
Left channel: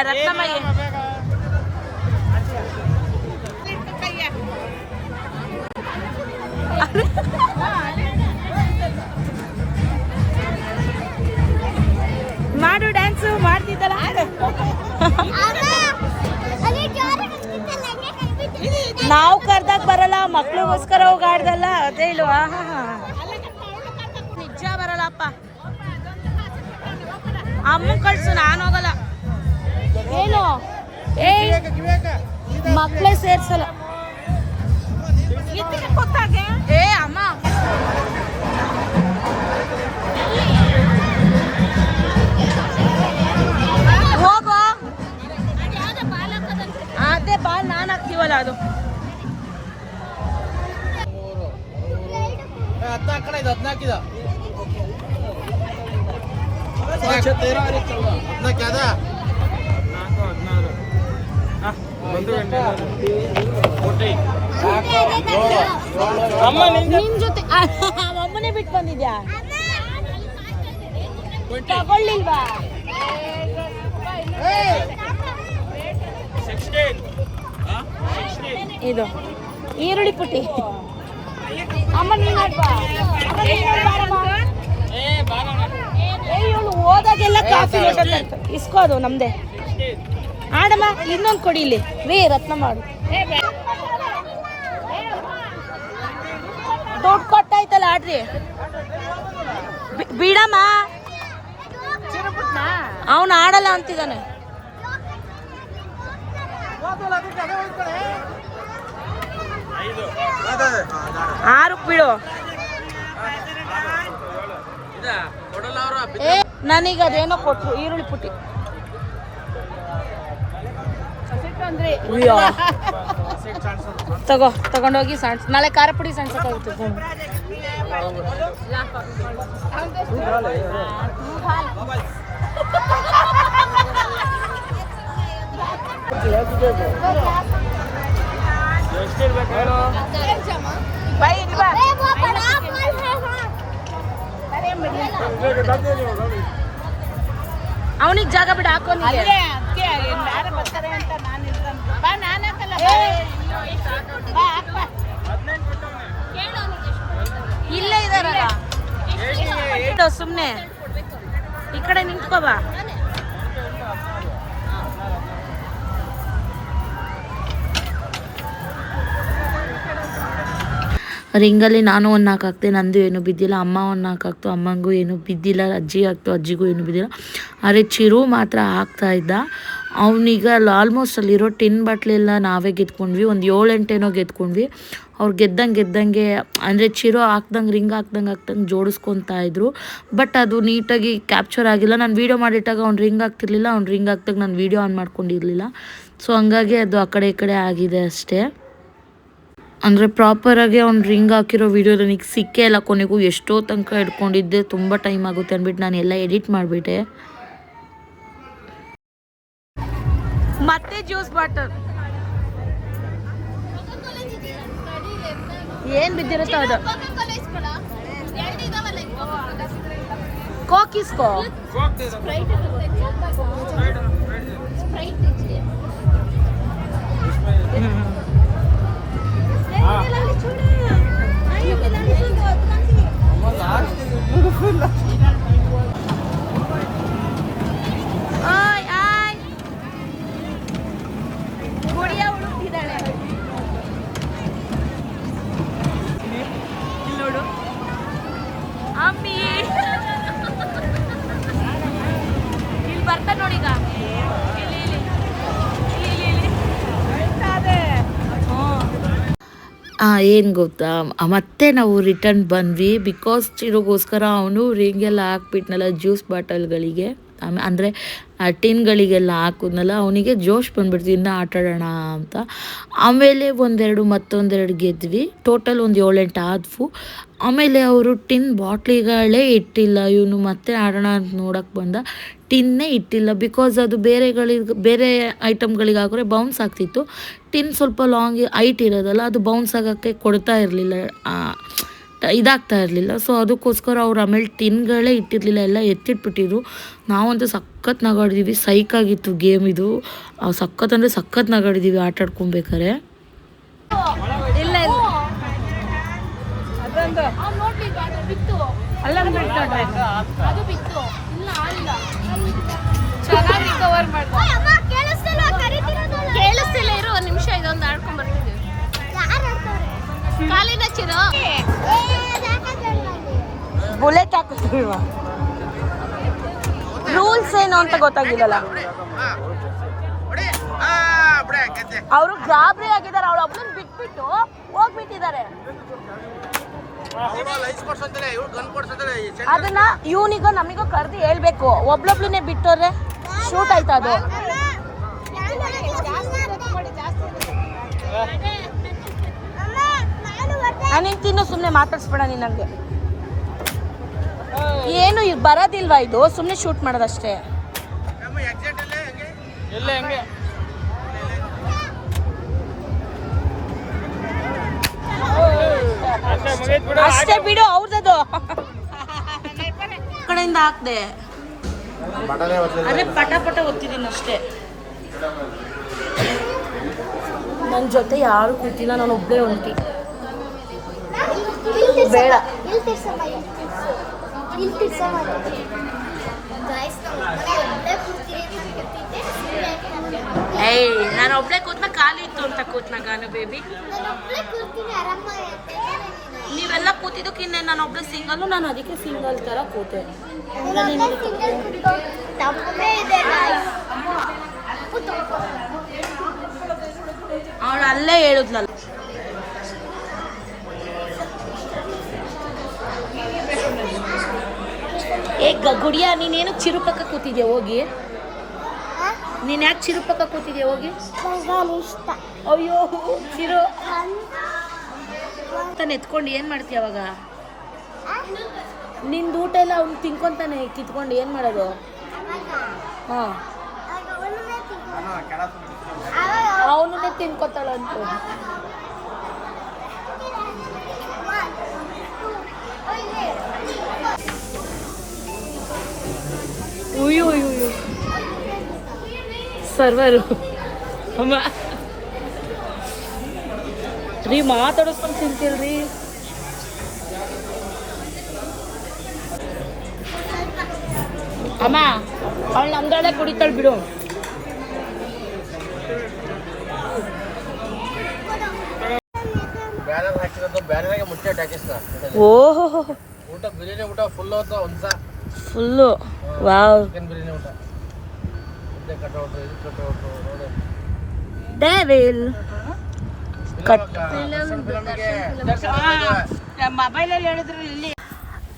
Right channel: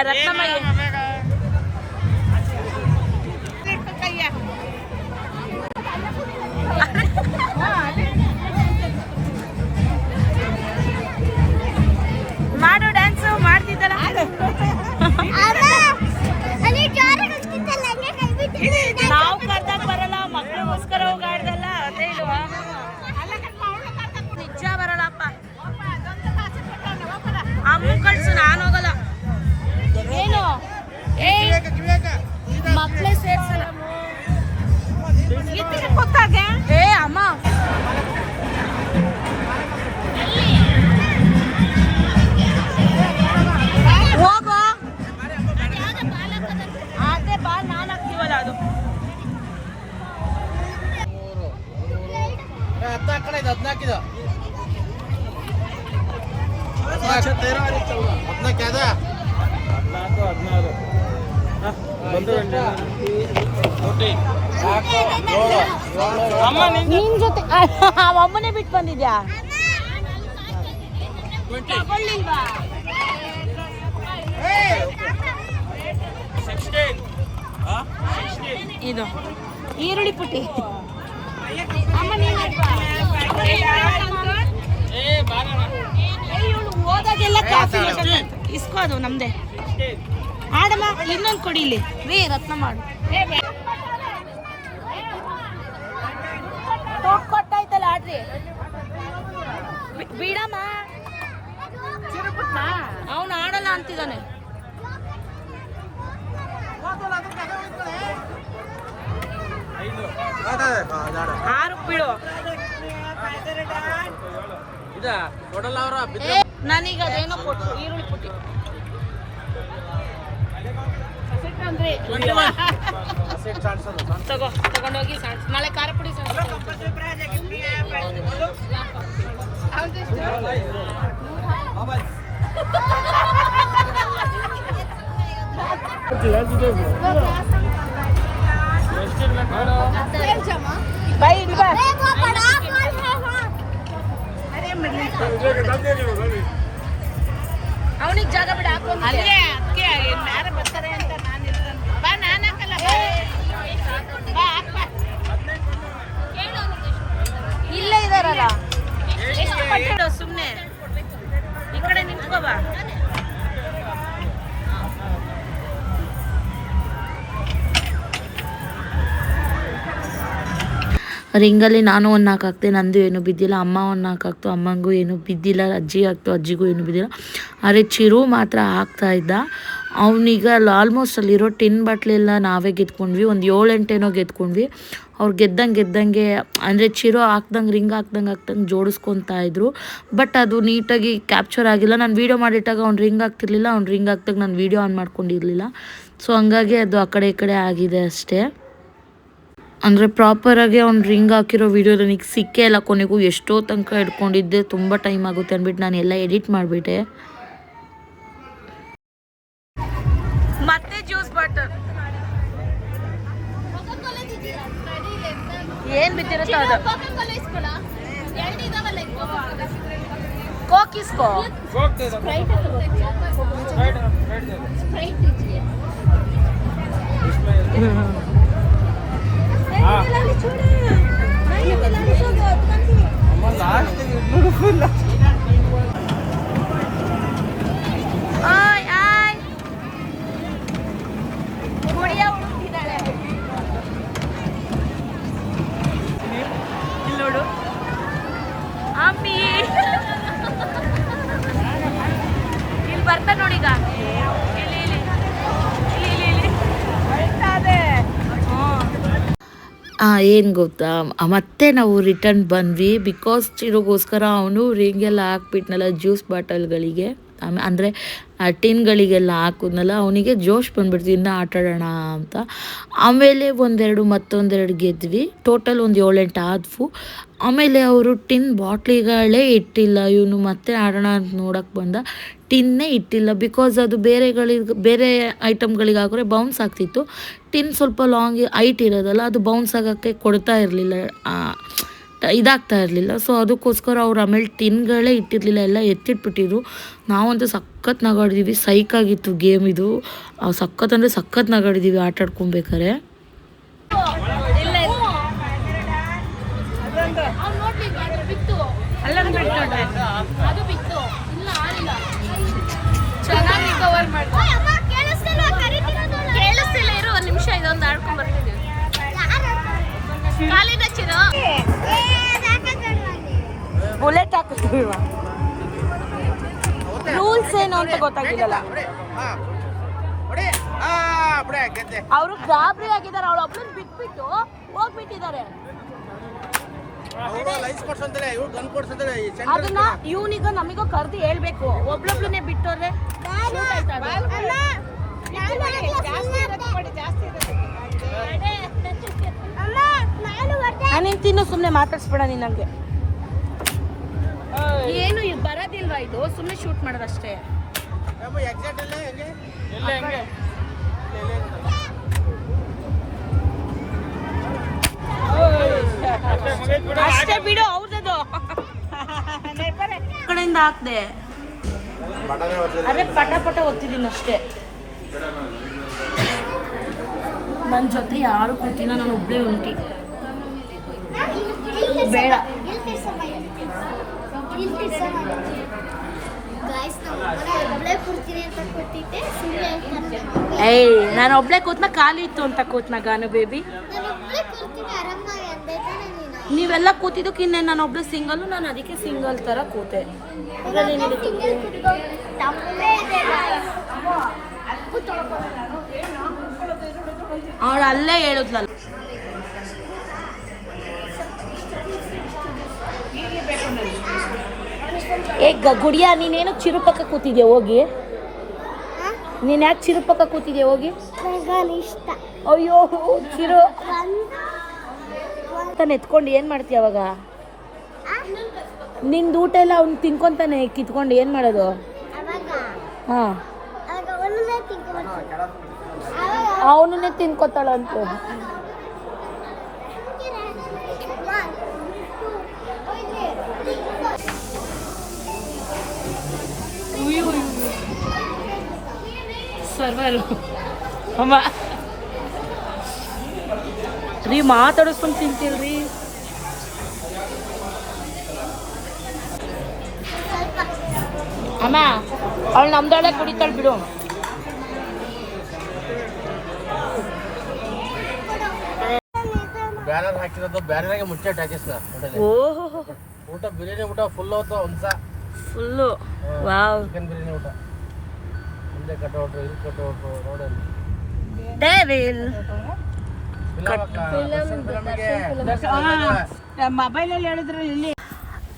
ರತ್ನಮಯ್ಯ ಮಾಡು, ಡ್ಯಾನ್ಸು ಮಾಡ್ತಿದ್ದಲ್ಲ. ನಾವು ಕರ್ದಾಗ ಬರಲ್ಲ, ಮಕ್ಳಿಗೋಸ್ಕರ ಹೋಗಿ ಆಡ್ದಲ್ಲ, ಅದೇ ಇಲ್ವಾ? ನಿಜ ಬರಲ್ಲಪ್ಪ. ಅಮ್ಮ ಕಳ್ಸು, ನಾನು ಹೋಗಲ್ಲ. ಏನು ಮಕ್ಕಳೇ ಸೇರ್ಸಲ್ಲ. ಏ ಅಮ್ಮ, ಹೋಗೋ. ಅದೇ ಬಾಲ್ ನಾನು ಹಾಕ್ತೀವಲ್ಲ ಅದು. ನಿನ್ ಜೊತೆ ಅಮ್ಮನೇ ಬಿಟ್ಟು ಬಂದಿದ್ಯಾ? ತಗೊಳ್ಳಿಲ್ವಾ? ಇದು ಈರುಳ್ಳಿ ಪುಟ್ಟಿ. ಅಮ್ಮ ನೀನ್ ಆಡ್ಬಾ. ಅಮ್ಮ ನೀನ್ ಆಡಮ್ಮ. ಇವಳು ಹೋದಾಗೆಲ್ಲ ಕಾಫಿ ಇಸ್ಕೋದು ನಮ್ದೆ. ಆಡಮ್ಮ ಇನ್ನೊಂದು ಕೊಡಿ ಇಲ್ಲಿ ರೇ ರತ್ನ ಮಾಡು. ದುಡ್ಡು ಕೊಟ್ಟಾಯ್ತಲ್ಲ ಆಡ್ರಿ. ಬಿಡಮ್ಮ ಅವನು ಆಡಲ್ಲ ಅಂತಿದ್ದಾನೆ. 6 ಬಿಡು. ನನೀಗ ಅದೇನೋ ಕೊಟ್ರು ಈರುಳ್ಳಿ ಪುಟ್ಟಿ. ತಗೊಂಡೋಗಿ ನಾಳೆ ಖಾರ ಪುಡಿ ಸಣ್ಣ ಬಾಯ್ ಇಲ್ಲಿ ಬಾ. ಅವನಿಗೆ ಜಾಗ ಬಿಡ ಹಾಕೊಂಡು ಇಲ್ಲೇ ಇದಾರಲ್ಲ ಸುಮ್ನೆ ಈ ಕಡೆ ನಿಂತ್ಕೋಬಾ. ರಿಂಗಲ್ಲಿ ನಾನು 1 4 ಹಾಕ್ತೆ, ನಂದು ಏನು ಬಿದ್ದಿಲ್ಲ. ಅಮ್ಮ 1 4 ಹಾಕ್ತು, ಅಮ್ಮಂಗೂ ಏನು ಬಿದ್ದಿಲ್ಲ. ಅಜ್ಜಿ ಹಾಕ್ತು, ಅಜ್ಜಿಗೂ ಏನು ಬಿದ್ದಿಲ್ಲ. ಆದರೆ ಚಿರು ಮಾತ್ರ ಹಾಕ್ತಾ ಇದ್ದ. ಅವನೀಗ ಆಲ್ಮೋಸ್ಟ್ ಅಲ್ಲಿರೋ ಟಿನ್ ಬಾಟ್ಲೆಲ್ಲ ನಾವೇ ಗೆದ್ಕೊಂಡ್ವಿ. ಒಂದು 7-8 ಏನೋ ಗೆದ್ಕೊಂಡ್ವಿ. ಅವ್ರು ಗೆದ್ದಂಗೆ ಅಂದರೆ ಚಿರು ರಿಂಗ್ ಹಾಕ್ದಂಗೆ ಜೋಡಿಸ್ಕೊತಾ ಇದ್ರು. ಬಟ್ ಅದು ನೀಟಾಗಿ ಕ್ಯಾಪ್ಚರ್ ಆಗಿಲ್ಲ. ನಾನು ವೀಡಿಯೋ ಮಾಡಿಟ್ಟಾಗ ಅವ್ನು ರಿಂಗ್ ಹಾಕ್ತಿರ್ಲಿಲ್ಲ. ಅವ್ನು ರಿಂಗ್ ಹಾಕ್ದಾಗ ನಾನು ವೀಡಿಯೋ ಆನ್ ಮಾಡ್ಕೊಂಡಿರಲಿಲ್ಲ. ಸೊ ಹಂಗಾಗಿ ಅದು ಆ ಕಡೆ ಈ ಕಡೆ ಆಗಿದೆ ಅಷ್ಟೇ. ಅಂದರೆ ಪ್ರಾಪರಾಗಿ ಅವ್ನು ರಿಂಗ್ ಹಾಕಿರೋ ವೀಡಿಯೋ ನನಗೆ ಸಿಕ್ಕೇ ಇಲ್ಲ. ಕೊನೆಗೂ ಎಷ್ಟೋ ತನಕ ಹಿಡ್ಕೊಂಡಿದ್ದೆ, ತುಂಬ ಟೈಮ್ ಆಗುತ್ತೆ ಅಂದ್ಬಿಟ್ಟು ನಾನು ಎಲ್ಲ ಎಡಿಟ್ ಮಾಡಿಬಿಟ್ಟೆ. ಮತ್ತೆ ಜ್ಯೂಸ್ ಬಾಟಲ್ ಏನ್ ಬಿದ್ದಿರುತ್ತೋ ಅದು. ಕೋಕ್ ಇಸ್ಕೋ. ಏನು ಗೊತ್ತಾ, ಮತ್ತೆ ನಾವು ರಿಟರ್ನ್ ಬಂದ್ವಿ. ಬಿಕಾಸ್ ಚಿರುಗೋಸ್ಕರ ಅವನು ರಿಂಗೆಲ್ಲ ಹಾಕ್ಬಿಟ್ನಲ್ಲ ಜ್ಯೂಸ್ ಬಾಟಲ್ಗಳಿಗೆ, ಅಂದರೆ ಟಿನ್ಗಳಿಗೆಲ್ಲ ಹಾಕಿದ್ನಲ್ಲ, ಅವನಿಗೆ ಜೋಶ್ ಬಂದ್ಬಿಡ್ತು ಇನ್ನೂ ಆಟಾಡೋಣ ಅಂತ. ಆಮೇಲೆ ಮತ್ತೊಂದೆರಡು ಗೆದ್ವಿ. ಟೋಟಲ್ ಒಂದು 7-8 ಆದವು. ಆಮೇಲೆ ಅವರು ಟಿನ್ ಬಾಟ್ಲಿಗಳೇ ಇಟ್ಟಿಲ್ಲ. ಇವನು ಮತ್ತೆ ಆಡೋಣ ಅಂತ ನೋಡೋಕ್ಕೆ ಬಂದ, ಟಿನ್ನೇ ಇಟ್ಟಿಲ್ಲ. ಬಿಕಾಸ್ ಅದು ಬೇರೆ ಐಟಮ್ಗಳಿಗೆ ಹಾಕಿದ್ರೆ ಬೌನ್ಸ್ ಆಗ್ತಿತ್ತು. ಟಿನ್ ಸ್ವಲ್ಪ ಲಾಂಗ್ ಹೈಟ್ ಇರೋದಲ್ಲ, ಅದು ಬೌನ್ಸ್ ಆಗೋಕ್ಕೆ ಕೊಡ್ತಾ ಇರಲಿಲ್ಲ, ಇದಾಗ್ತಾ ಇರಲಿಲ್ಲ. ಸೊ ಅದಕ್ಕೋಸ್ಕರ ಅವ್ರು ಆಮೇಲೆ ಟಿನ್ಗಳೇ ಇಟ್ಟಿರಲಿಲ್ಲ, ಎಲ್ಲ ಎತ್ತಿಟ್ಬಿಟ್ಟಿದ್ರು. ನಾವಂತೂ ಸಖತ್ ನಗಾಡಿದ್ದೀವಿ. ಸೈಕಾಗಿತ್ತು ಗೇಮ್ ಇದು. ಸಖತ್ ಅಂದರೆ ಸಖತ್ ನಗಾಡಿದ್ದೀವಿ ಆಟ ಆಡ್ಕೊಬೇಕಾರೆ. ಕೇಳಿಸ್ತಿಲ್ಲ ಇರೋ ಒಂದು ನಿಮಿಷ, ಇದೊಂದು ಆಡ್ಕೊಂಡ್ ಬರ್ತೀನಿ. ಕಾಲಿನ ಚಿರು ಬುಲೆಟ್ ಹಾಕಿಲ್ವಾ? ರೂಲ್ಸ್ ಏನು ಅಂತ ಗೊತ್ತಾಗಿಲ್ಲಲ್ಲ. ಅವರು ಗಾಬರಿ ಆಗಿದ್ದಾರೆ. ಅವಳು ಒಬ್ಬಳನ್ನ ಬಿಟ್ಬಿಟ್ಟು ಹೋಗ್ಬಿಟ್ಟಿದ್ದಾರೆ. ಅದನ್ನ ಇವನಿಗೋ ನಮಿಗೋ ಕರೆದು ಹೇಳ್ಬೇಕು. ಒಬ್ಳೊಬ್ಳನ್ನೇ ಬಿಟ್ಟೋದ್ರೆ ಶೂಟ್ ಆಯ್ತಾ ಅದು. ನೀನು ತಿನ್ನು, ಸುಮ್ಮನೆ ಮಾತಾಡ್ಸ್ಬೇಡ ನೀನು. ನನಗೆ ಏನು ಬರೋದಿಲ್ವಾ ಇದು, ಸುಮ್ಮನೆ ಶೂಟ್ ಮಾಡೋದಷ್ಟೇ. ಅಷ್ಟೇ ಬಿಡು, ಅವ್ರದ್ದು ಕಡೆಯಿಂದ ಹಾಕ್ದೆ. ಅರೆ ಪಟ ಒತ್ತಿದ್ದೀನಿ ಅಷ್ಟೇ. ನನ್ನ ಜೊತೆ ಯಾರು ಕೂತಿಲ್ಲ, ನಾನು ಒಬ್ಬಳೇ ಹೊಂಟಿ. ಬೇಡ ಏಯ್, ನಾನು ಒಬ್ಳೆ ಕೂತ್ನ ಖಾಲಿ ಇತ್ತು ಅಂತ ಕೂತ್ನ ಗಾನ ಬೇಬಿ. ನೀವೆಲ್ಲ ಕೂತಿದ್ದಕ್ಕೆ ಇನ್ನೇನು ನಾನು ಒಬ್ಳೆ ಸಿಂಗಲ್ಲು, ನಾನು ಅದಕ್ಕೆ ಸಿಂಗಲ್ ಥರ ಕೂತೆ. ಇದರಲ್ಲೇನಿದೆ ತಪ್ಪು? ಅವಳು ಅಲ್ಲೇ ಹೇಳಿದ್ಲಲ್ಲ. ಏ ಗುಡಿಯಾ, ನೀನೇನು ಚಿರುಪಕ್ಕ ಕೂತಿದ್ಯಾ ಹೋಗಿ? ನೀನು ಯಾಕೆ ಚಿರುಪಕ್ಕ ಕೂತಿದ್ಯಾ ಹೋಗಿ? ಇಷ್ಟ. ಅಯ್ಯೋ ಚಿರು ತಾನು ಎತ್ಕೊಂಡು ಏನು ಮಾಡ್ತೀಯ ಅವಾಗ? ನಿಂದು ಊಟ ಎಲ್ಲ ಅವ್ನು ತಿನ್ಕೊಂತಾನೆ ಕಿತ್ಕೊಂಡು ಏನು ಮಾಡೋದು? ಹಾಂ, ಅವನೇ ತಿನ್ಕೊತಾಳಂತ. ಉಯ್ಯು ಸರ್ವರು ಅಮ್ಮ ರೀ ಮಾತಾಡಿಸ್ಕೊಂಡು ತಿಂತೀಲ್ರಿ. ಅಮ್ಮ ಅವಳು ನಮ್ದೊಳೆ ಕುಡಿತಾಳೆ ಬಿಡು. ಬ್ಯಾನರ್ ಹಾಕಿರೋದು ಬ್ಯಾನರ್ಗೆ ಮುಚ್ಚೆ ಹಾಕಿಸ್ತ. ಓಹೋ, ಊಟ ಬಿರಿಯಾನಿ ಊಟ ಫುಲ್ ಹೋಗ್ತಾ ಒಂದ್ಸ ಫುಲ್ಲು. ವಾವ್, ಚಿಕನ್ ಬಿರಿಯಾನಿ ಊಟ ಹಿಂದೆ ಕಟ್ಔಟ್ ಇದು ಕಟ್ಔಟ್ ನೋಡೋದು. ಡೇವಿಲ್ ಮೊಬೈಲಲ್ಲಿ ಹೇಳಿದ್ರು ಇಲ್ಲಿ.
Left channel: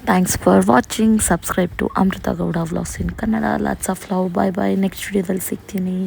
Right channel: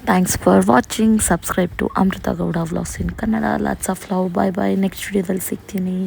Thanks for watching. Subscribe to Amrutha Gowda vlogs in Kannada. Lots of love. Bye bye. Next ವಿಡಿಯೋದಲ್ಲಿ ಸಿಗ್ತೀನಿ.